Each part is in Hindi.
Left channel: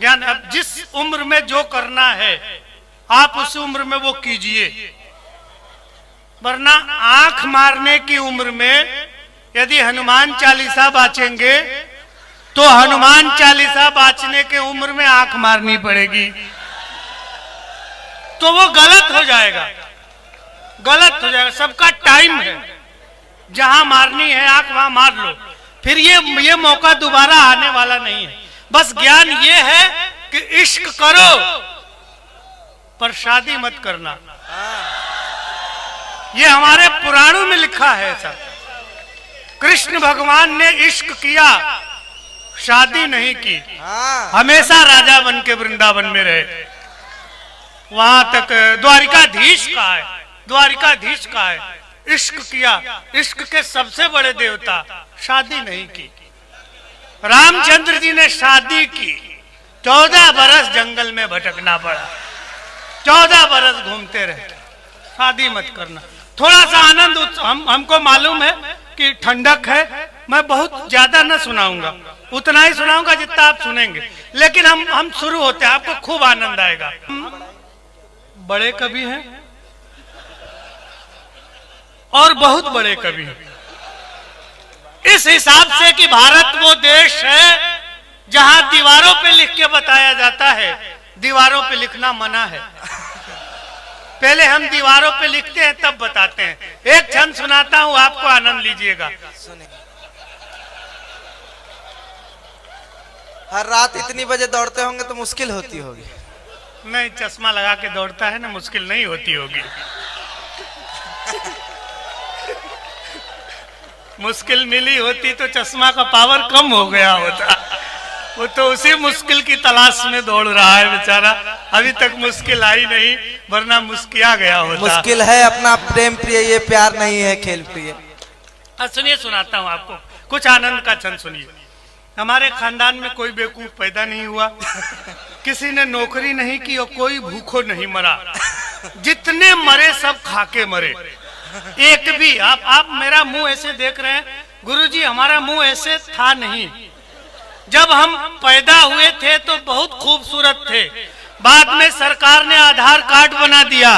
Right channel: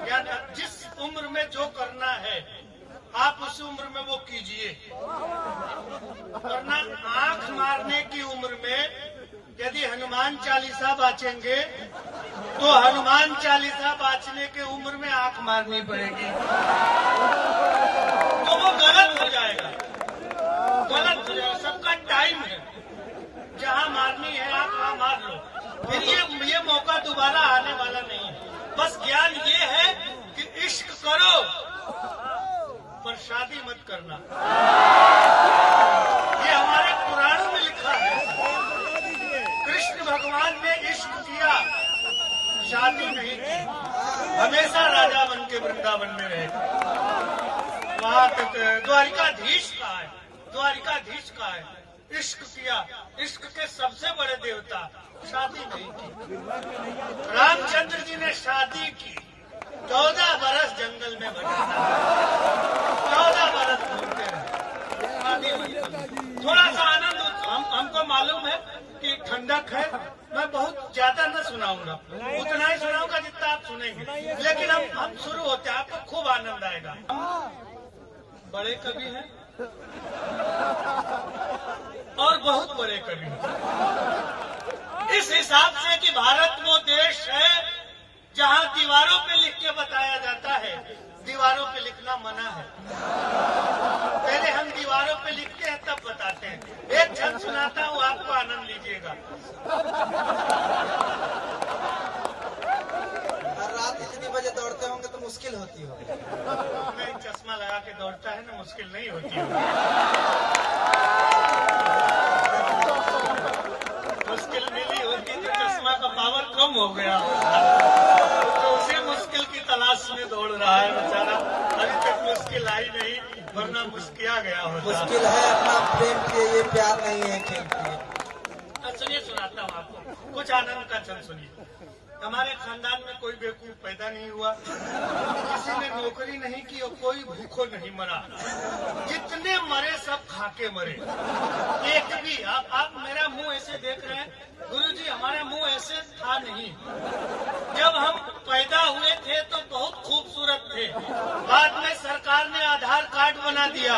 ज्ञान अब जिस उम्र में जो करना है आप उस उम्र में वो कीजिए, वरना आंख मारने की उम्र में यदि हनुमान चालीसा बाचेंगे तो हनुमान चालीसा बाचने के उम्र में आंख मारनी पड़ेगी, तो वो गलत हो जाएगा, गलत हो जाएगा। सबका टाइम है, जहां मारनी है आंख वहां मार लो, फिर ये मौका दोबारा आने वाला नहीं है। बस ज्ञान ये है कि इश्क करो पर शादी मत करना, ये हमारे पुराणों में लिखा है ऐसा। कृष्ण भगवान ने इश्क किया, शादी नहीं की, हमेशा राजा बन के वृंदावन में रहे। वहां तक द्वारिकाधीश का है, द्वारिकाधीश का है, इश्क किया, इश्क के सबसे बड़े देवता, शादी नहीं की। रामचंद्र जी ने शादी की, 14 बरस जंगल में भटकना पड़ा, 14 बरस घूमते रहे। शादी मत करना, थोड़ा सा आनंद हमको मालूम है कि ठंडक है, मैं बहुत ज्यादा न सुनाऊंगा, उतना ही सुनाऊंगा जितना आप सुनेंगे, लेकिन हम शुरू होते हैं, आपको खूब आनंद आएगा। बड़े कवि हैं और बहुत बड़े कवि हैं, इस हिसाब से कि भारत वो देश है जहां दीवारों पे लिख के बताया जाता है, दीवारों पे लिखना मना है। पहले हम दीवारों पे लिखते हैं तब बताते हैं। एक छंद सुनाता हूं, आपको आनंद लीजिएगा। हर रात इतनी बजे दौड़ते होंगे तो मुश्किल होती होगी। नहीं, चश्मा लगा के दौड़ता है ना, मुश्किल नहीं होती होगी। मुश्किल मिली होती तो चश्मा का पावर कम हो गया होता, वो तो उसी मुश्किल की तलाश में दौड़ रहा है बेचारा, अभी तक मुश्किल आई नहीं, वरना मुस्किया गया होता। मुश्किल है अपना प्रेम प्रिय, ये प्यार नहीं है खेल प्रिय। सुनिए, सुनाता हूँ आपको कुछ आनंद का क्षण सुनिए। हमारे खानदान में कोई बेवकूफ पैदा नहीं हुआ, किसी ने नौकरी नहीं की और कोई भूखों नहीं मरा, जितने मरे सब खाके मरे, एक भी। आप मेरा मुंह ऐसे देख रहे हैं, गुरुजी हमारा मुंह ऐसे था नहीं। जब हम पैदा हुए थे तो बहुत खूबसूरत थे, बाद में सरकार ने आधार कार्ड बना दिया,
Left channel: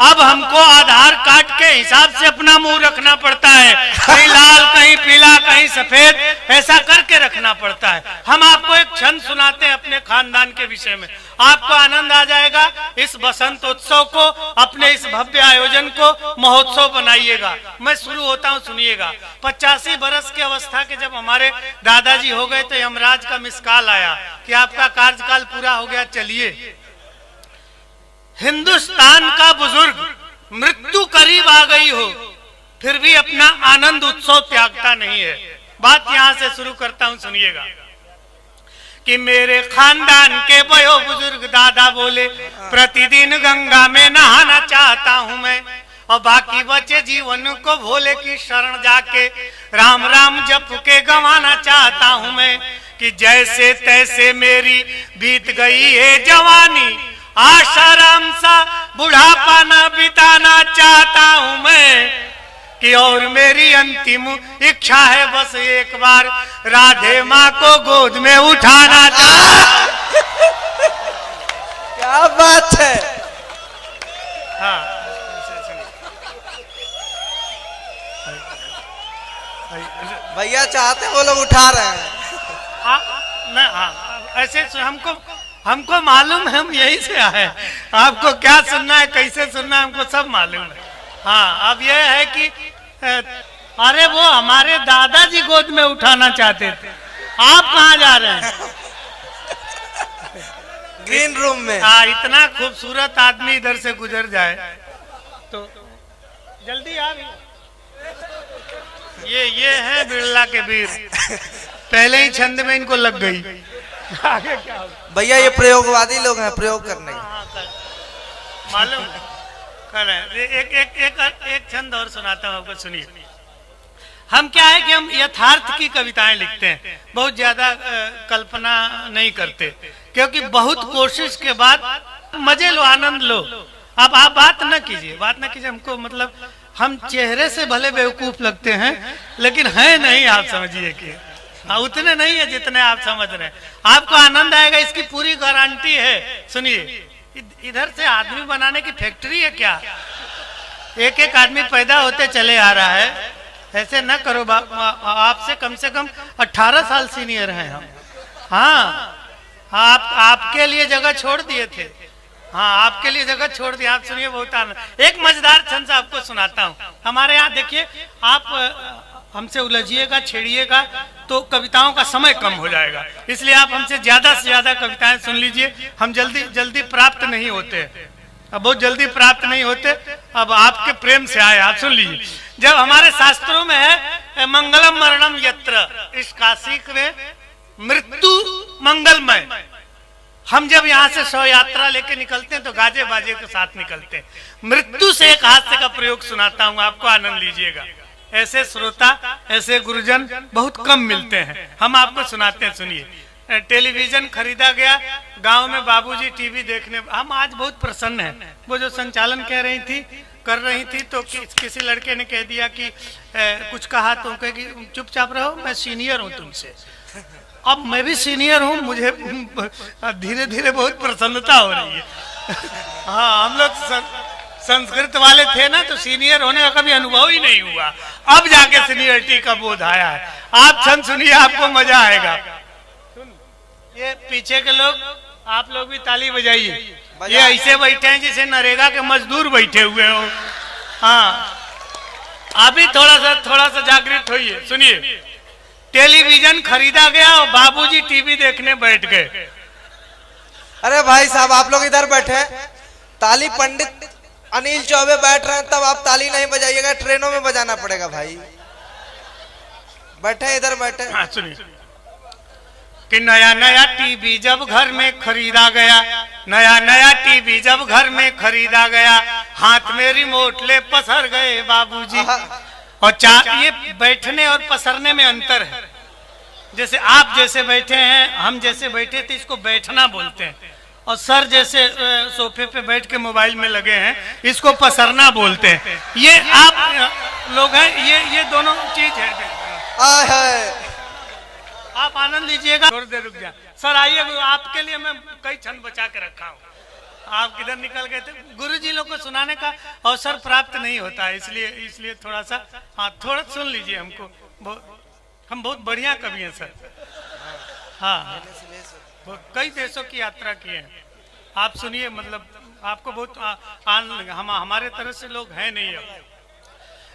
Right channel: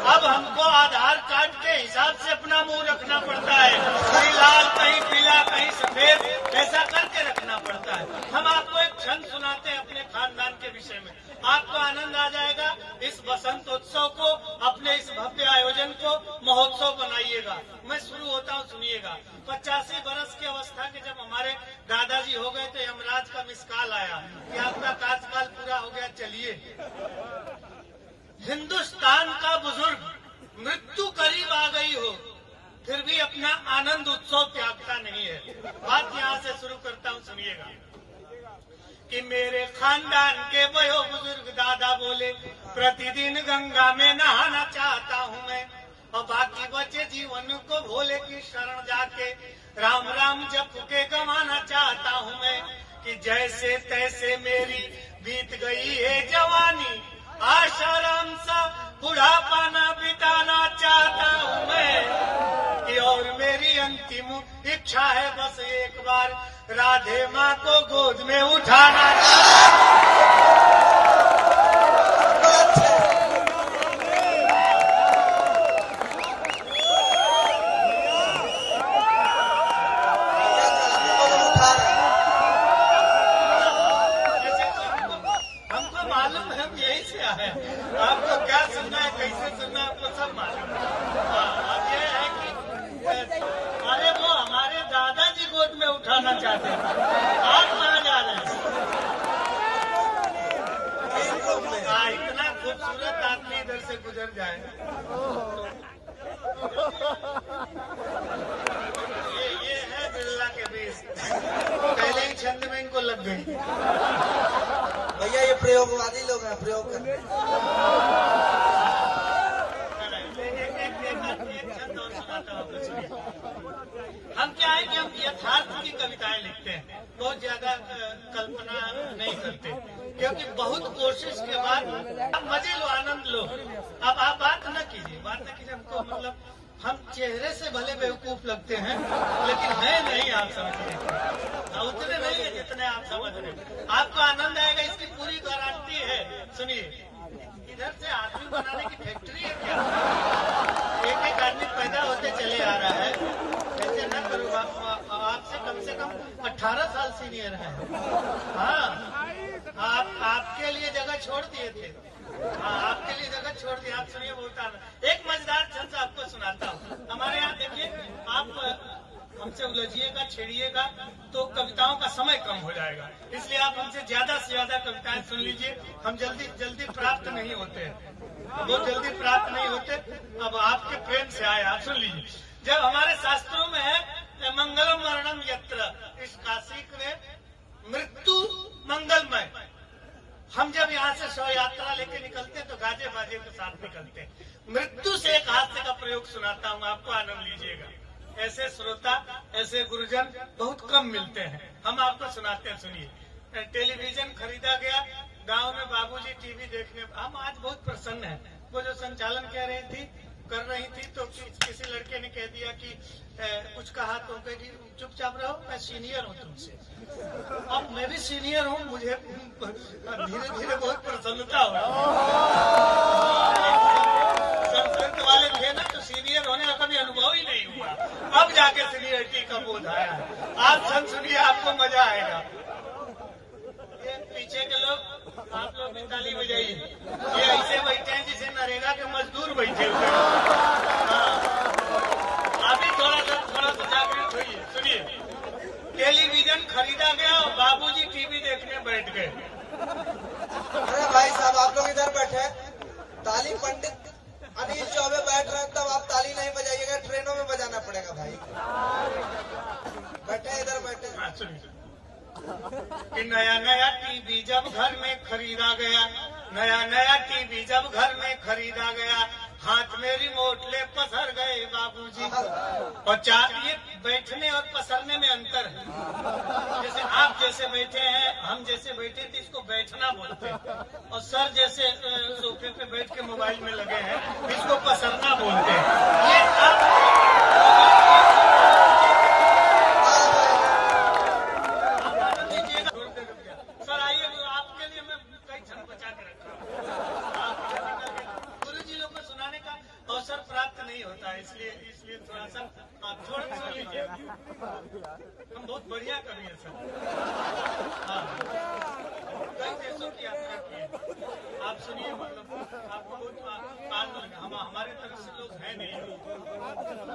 अब हमको आधार कार्ड के हिसाब से अपना मुंह रखना पड़ता है, कहीं लाल कहीं पीला कहीं सफेद, ऐसा करके रखना पड़ता है। हम आपको एक छंद सुनाते हैं अपने खानदान के विषय में, आपको आनंद आ जाएगा। इस बसंत उत्सव को, अपने इस भव्य आयोजन को महोत्सव बनाइएगा। मैं शुरू होता हूँ, सुनिएगा। 85 बरस की अवस्था के जब हमारे दादाजी हो गए तो यमराज का मिसकाल आया कि आपका कार्यकाल पूरा हो गया, चलिए। हिंदुस्तान का बुजुर्ग मृत्यु करीब आ गई हो फिर भी अपना आनंद उत्सव त्यागता नहीं है। बात यहां से शुरू करता हूं, सुनिएगा। कि मेरे खानदान के बयो बुजुर्ग दादा बोले, प्रतिदिन गंगा में नहाना चाहता हूं मैं, और बाकी बचे जीवन को भोले की शरण जाके राम राम जप के गंवाना चाहता हूं मैं। कि जैसे तैसे मेरी बीत गई है जवानी, आशाराम सा बुढ़ापा ना बिताना चाहता हूं मैं। कि और मेरी अंतिम इच्छा है बस एक बार राधे माँ को गोद में उठाना चाहता। क्या बात है। हाँ। भैया चाहते वो लोग उठा रहे हैं। ऐसे हमको मालूम है, हम यही से आए। आपको क्या सुनना है, कैसे सुनना है, हमको सब मालूम है। हाँ, अब यह है कि अरे वो हमारे दादाजी गोद में उठाना चाहते थे, आप कहाँ जा रहे हैं? ग्रीन रूम में। हाँ, इतना खूबसूरत आदमी इधर से गुजर जाए तो जल्दी आप। ये है बिरला के वीर, पहले ही छंद में इनको लग गई। भैया ये प्रयोगवादी लोग हैं, प्रयोग करने। मालूम एक छंद और सुनाता हूँ आपको, सुनिए। हम क्या है कि हम यथार्थ की कविताएं लिखते हैं, बहुत ज्यादा कल्पना नहीं करते, क्योंकि बहुत कोशिश के बाद मजे लो, आनंद लो। अब आप बात न कीजिए, हमको मतलब हम चेहरे से भले बेवकूफ लगते हैं लेकिन है नहीं, आप समझिए कि हाँ, उतने नहीं है जितने आप समझ रहे हैं। आपको आनंद आएगा, इसकी पूरी गारंटी है। सुनिए, इधर से आदमी बनाने की फैक्ट्री है क्या? एक एक आदमी पैदा होते चले आ रहा है। ऐसे न करो, आपसे कम से कम 18 साल सीनियर हैं हम। हाँ, आपके लिए जगह छोड़ दिए थे। हाँ, आपके लिए जगह छोड़ दी। आप सुनिए, बहुत आनंद। एक मजेदार छंद आपको सुनाता हूँ। हमारे यहाँ देखिए, आप हमसे उलझिएगा, छेड़िएगा तो कविताओं का समय कम हो जाएगा, इसलिए आप हमसे ज्यादा से ज्यादा कविताएं सुन लीजिए। हम जल्दी जल्दी प्राप्त नहीं होते, अब बहुत जल्दी प्राप्त नहीं होते। अब आपके प्रेम से आए, आप सुन लीजिए। जब हमारे शास्त्रों में है मंगलम मरणम यत्र, इस काशी में मृत्यु मंगलमय। हम जब यहाँ से शव यात्रा लेके निकलते हैं तो गाजे बाजे के साथ निकलते हैं। मृत्यु से एक हास्य का प्रयोग सुनाता हूँ, आपको आनंद लीजिएगा। ऐसे श्रोता, ऐसे गुरुजन बहुत कम मिलते हैं। हम आपको सुनाते हैं, सुनिए। टेलीविजन खरीदा गया, गांव में बाबूजी टीवी देखने। हम आज बहुत प्रसन्न हैं। वो जो संचालन कर रही थी तो किसी लड़के ने कह दिया कि कुछ कहा तो कहेगी चुपचाप रहो, मैं सीनियर हूँ तुमसे। अब मैं भी सीनियर हूँ, मुझे धीरे धीरे बहुत प्रसन्नता हो रही है। हाँ, हम लोग संस्कृत वाले थे ना, तो सीनियर होने का कभी अनुभव ही नहीं हुआ। अब जाके सीनियरिटी का बोध आया है। आप छंद सुनिए, आपको मजा आएगा। ये पीछे के लोग, आप लोग भी ताली बजाइए। ये ऐसे बैठे हैं जैसे नरेगा के मजदूर बैठे हुए हो। हाँ, अभी थोड़ा सा जागृत होइए। सुनिए, टेलीविजन खरीदा गया और बाबूजी टीवी देखने बैठ गए। अरे भाई साहब, आप लोग इधर बैठे, ताली पंडित अनिल चौबे बैठ रहे हैं, तब आप ताली नहीं बजाइएगा, ट्रेनों में बजाना पड़ेगा भाई। बैठे इधर बैठे। हाँ, सुनिए कि नया नया टीवी जब घर में खरीदा गया, नया नया टीवी जब घर में खरीदा गया, हाथ में रिमोट ले पसर गए बाबूजी। और ये बैठने और पसरने में अंतर है। जैसे आप जैसे बैठे हैं, हम जैसे बैठे थे, इसको बैठना बोलते हैं। और सर जैसे सोफे पे बैठ के मोबाइल में लगे हैं, इसको पसरना बोलते हैं। ये आप लोग हैं, ये दोनों चीज है। आप आनंद लीजिएगा। थोड़ी देर रुक जा सर, आइए। आपके लिए मैं कई क्षण बचा के रखा हूँ। आप किधर निकल गए थे? गुरुजी लोग को सुनाने का अवसर प्राप्त नहीं होता है, इसलिए थोड़ा सा, हाँ, थोड़ा सुन लीजिए हमको। हम बहुत बढ़िया कवि हैं सर। हाँ, कई देशों की यात्रा की है। आप सुनिए, मतलब आपको बहुत आनंद। हमारे तरह से लोग हैं नहीं अब।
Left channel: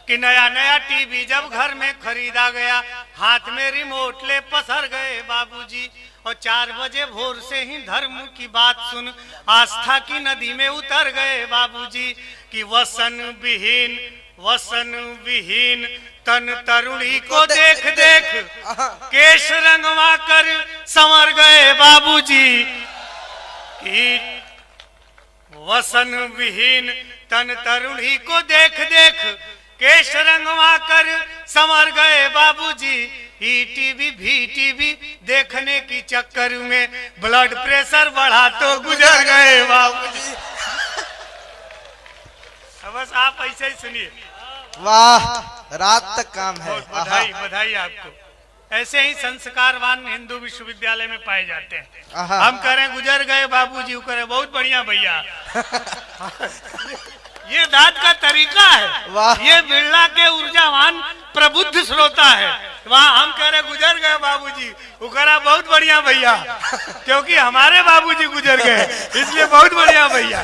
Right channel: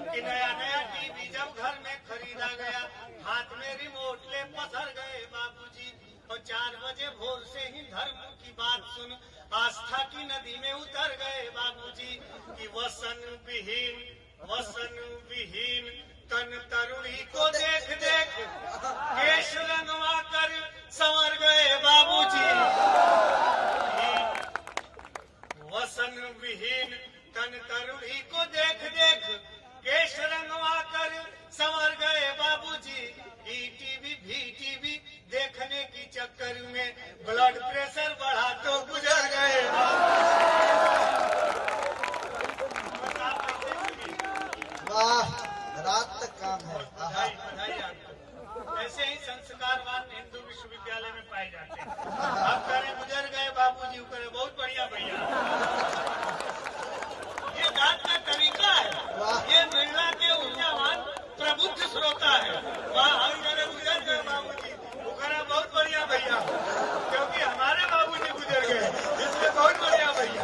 कि नया नया टीवी जब घर में खरीदा गया, हाथ में रिमोट ले पसर गए बाबूजी। और 4 बजे भोर से ही धर्म की बात सुन आस्था की नदी में उतर गए बाबूजी। कि वसन विहीन तन तरुणी को देख देख केश रंगवा कर संवर गए बाबूजी। वसन विहीन तन तरुणी को देख देख केश रंगवा कर संवर गए बाबूजी। टीवी भी टीवी देखने की चक्कर में ब्लड प्रेशर बढ़ा तो गुजर गए बाबूजी। बस आप ऐसे ही सुनिए। वाह, रात तक काम है। बधाई बधाई आपको। ऐसे ही संस्कारवान हिंदू विश्वविद्यालय में पाए जाते हैं। हम कह रहे गुजर गए बाबूजी, कह बहुत बढ़िया भैया। ये दाद का तरीका है। ये बिरला के ऊर्जावान प्रबुद्ध श्रोता है। वहाँ हम कह रहे गुजर गए बाबूजी, वो कह रहा बहुत बढ़िया भैया, क्योंकि हमारे बाबूजी गुजर गए, इसलिए बहुत बढ़िया भैया।